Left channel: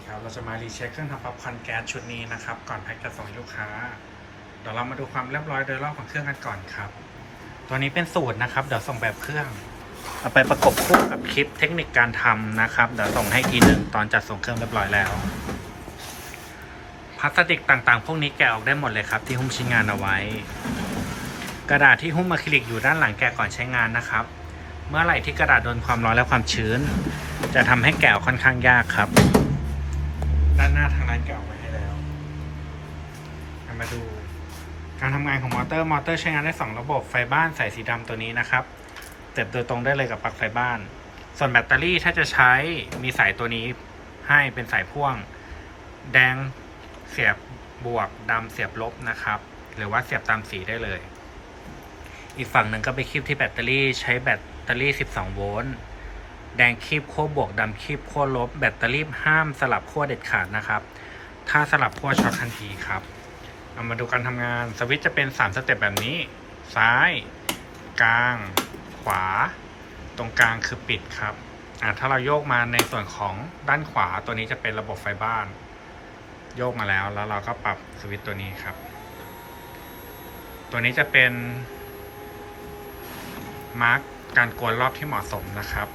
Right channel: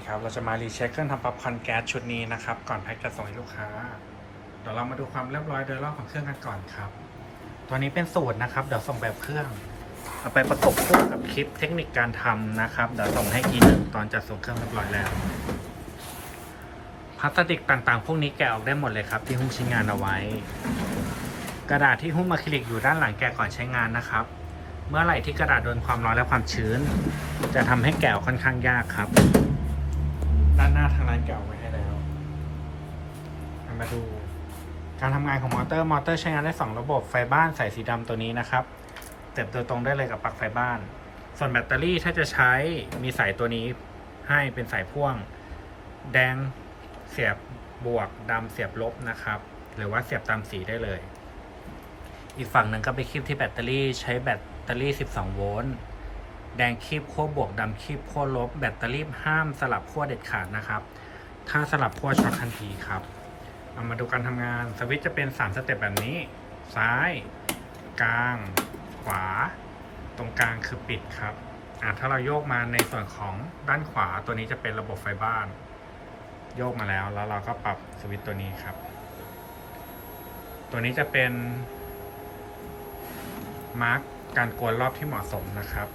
ดีครับ เราจะมารีเช็คเครื่องทำป๊อปคอนแก๊สชุดนี้นะครับ ก่อนแพ็คจะส่งให้ลูกค้า เดี๋ยวเรามาดูความเรียบร้อยโดยรอบของเครื่องกันก่อนครับ ตัวนี้เป็นสูตรนะครับ เดี๋ยวส่งแบบเครื่อง เอาไปประกบคู่กับคลิปเทคนิคการทำนะครับ เดี๋ยวส่งให้ทีหนึ่งตอนจัดส่งเครื่องเรียบร้อยแล้ว พลาสติกต่างๆ พวกนี้แกะออกได้หมดเลยครับ ที่หุ้มชิ้นงานเอาไว้ กระดาษที่หุ้มอะคริลิกอยู่ด้านหลังแกะก่อนใช้งานนะครับเมื่อไหร่ที่กระดาษโดนความร้อนและความชื้น จะทำให้แกะค่อนข้างยากครับ ด้านหน้าทางร้านแกะออกไว้ให้แล้วเอามาดู การทำงานของมอเตอร์มอเตอร์ใช้งานได้ 2 ระบบไฟบ้านใส่สีดำตัวนี้นะครับเสียบโดยตรงได้เลยกับปลั๊กไฟบ้าน ส่วนแบตเตอรี่ถ้าจะใช้มีสายตัวนี้ให้เป็นสายพ่วง แดงเสียบบวกดำเสียบลบนะครับ หรือว่าเสียบตามสีได้เลย อีกฝั่งหนึ่งก็ไปคีบที่แบตเตอรี่ใช้แบตเตอรี่ 12 โวลต์ แดงคีบขั้วบวกดำคีบขั้วลบ แบตเตอรี่ห้ามสลับขั้วเด็ดขาดนะครับ ถ้าสลับขั้วช็อตทันทีครับเอามาดูการทำงานสวิตช์จะเป็น 3 สเต็ปแบบนี้ ซ้าย กลาง ขวา ตรงกลางคือปิดครับอ่าถ้าเราโยกมาในส่วนของด้านขวาตัวนี้จะเป็นระบบไฟบ้าน โยกมาแล้วแล้วเราก็ปรับสวิตช์ตัวนี้ครับ ตัวนี้จะเป็นมาร์กการกวนรอบที่เหมาะสมนะครับ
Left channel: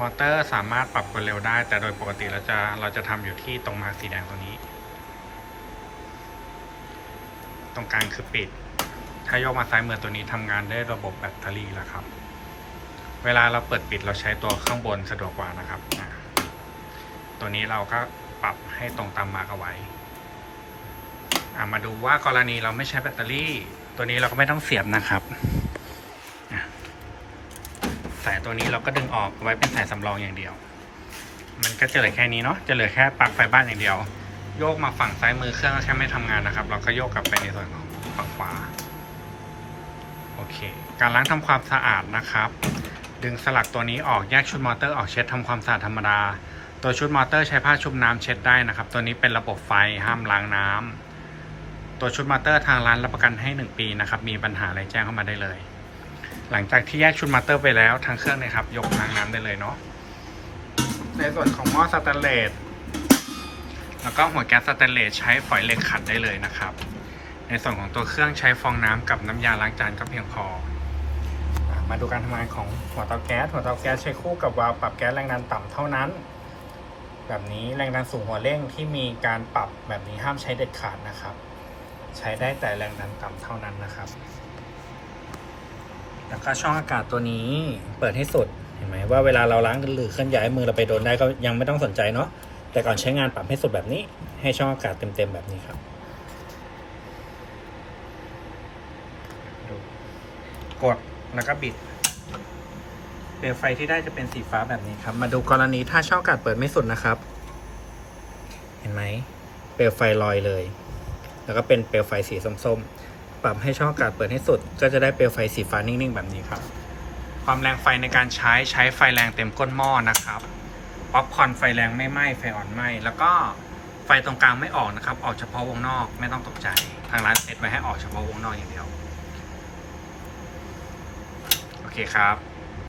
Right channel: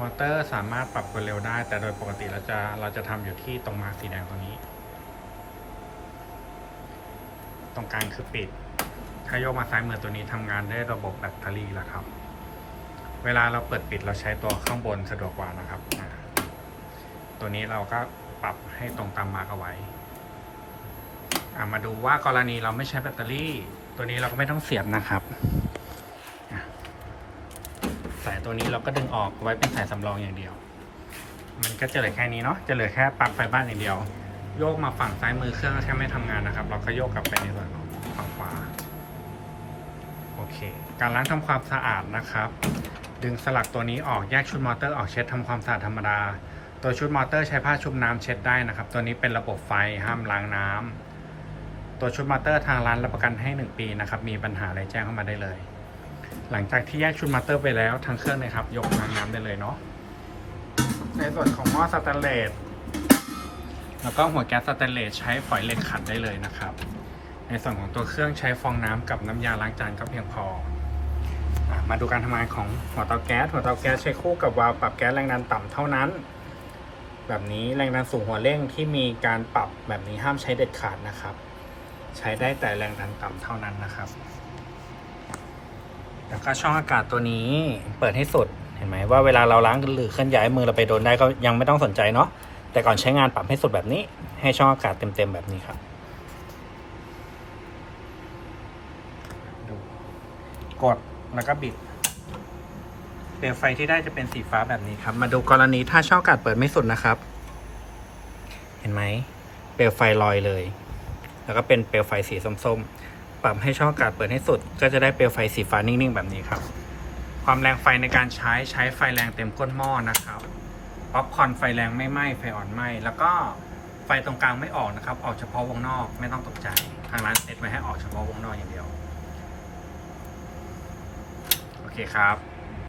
มอเตอร์สามารถปรับกวนเร็วได้ แต่โดยปกติเราจะเราจะทำอยู่ที่ตรงมาสีแดงตรงนี้ ตรงกลางคือปิด ถ้าโยกมาซ้ายมือตัวนี้ทำงานได้ระบบแบตเตอรี่แล้วครับ เวลาเราเปิดปิดเราใช้ตัวข้างบนสะดวกกว่านะครับ ตัวนี้เราก็ปรับให้ตรงตามมาร์กเอาไว้อะมาดูว่ากรณีเราไม่ใช้แบตเตอรี่ ตัวนี้เราก็ไม่ต้องเสียบนะครับ สายตัวนี้เราก็ดึงออกไว้เป็นสายสำรองอย่างเดียว มันก็จะเหลือแค่นี้เนาะจะเหลือแค่ปลั๊กไฟบ้านอย่างเดียว โยกมาฝั่งซ้ายมือเครื่องก็แค่ไม่ทำงานนะครับ เราก็โยกกลับไปในส่วนของฝั่งขวาโอเค การล้างทำความสะอาดนะครับ ดึงสลักตัวนี้ออกแยกชุดมอเตอร์ออกเช็ดทำความสะอาดธรรมดา ตัวชุดมอเตอร์ใช้ผ้าชุบน้ำเช็ดได้นะครับ ตัวนี้เป็นระบบไฟห้ามล้างน้ำตัวชุดมอเตอร์ทางร้านรับประกันให้ 1 ปีนะครับมีปัญหาอะไรแจ้งเข้ามาได้เลย หลังจากที่แยกชุดมอเตอร์ไปแล้วทางเครื่องนะครับ ยกล้างน้ำได้เลยเนาะในส่วนของหม้อสแตนเลสแล้วก็หัวแก๊สสแตนเลสใช้ฝอยเหล็กขัดได้เลยนะครับ ในส่วนของตัวเครื่องใช้ฟองน้ำกับน้ำยาล้างจานก็เพียงพอมาดูการทำงานของหัวเตาแก๊สหัวเตาแก๊สใช้คู่กับวาล์วปรับแก๊สแรงดันต่ำเท่านั้น แบบนี้แรงดันสูงหัวเร่งที่มีการปรับแบบนี้ห้ามใช้เด็ดขาดนะครับ ใช้ได้แต่แรงดันต่ำเท่านั้นนะครับ แล้วก็ช่องอากาศตัวนี้เปิดให้สุดเห็นไหมว่าเวลาเราล้างหรือเคลื่อนย้ายมือเราไปโดนได้ก็ยังไม่ต้องสนใจเนาะแต่ก่อนใช้งานปรับให้สุดแบบนี้ ให้ช่องอากาศเต็มๆแบบนี้ครับกดแล้วก็บิดเปลวไฟที่ได้จะเป็นสีฟ้าแบบนี้ครับ มาดูกรณีถ้าช่องอากาศเปิดไม่สุดนะครับ เห็นไหมเปลวไฟลอยเลย แล้วก็เป็นเปลวไฟสีส้มๆ ปรับให้ช่องอากาศเปิดให้สุด ก็จะได้เปลวไฟสีฟ้านิ่งๆ แบบนี้ครับ ความแรงไฟในการใช้ใช้ไฟแรงเต็มก้นหม้อนะครับป๊อปคอนไฟแรงไม่ไหม้ไฟอ่อนไหม้แล้วก็ไฟตรงกลางไม่ออกนะครับ ออกเฉพาะวงนอกไม่ต้องตกใจ ทางร้านเซตไว้ให้ออกเฉพาะวงนอกอย่างเดียว โอเคครับ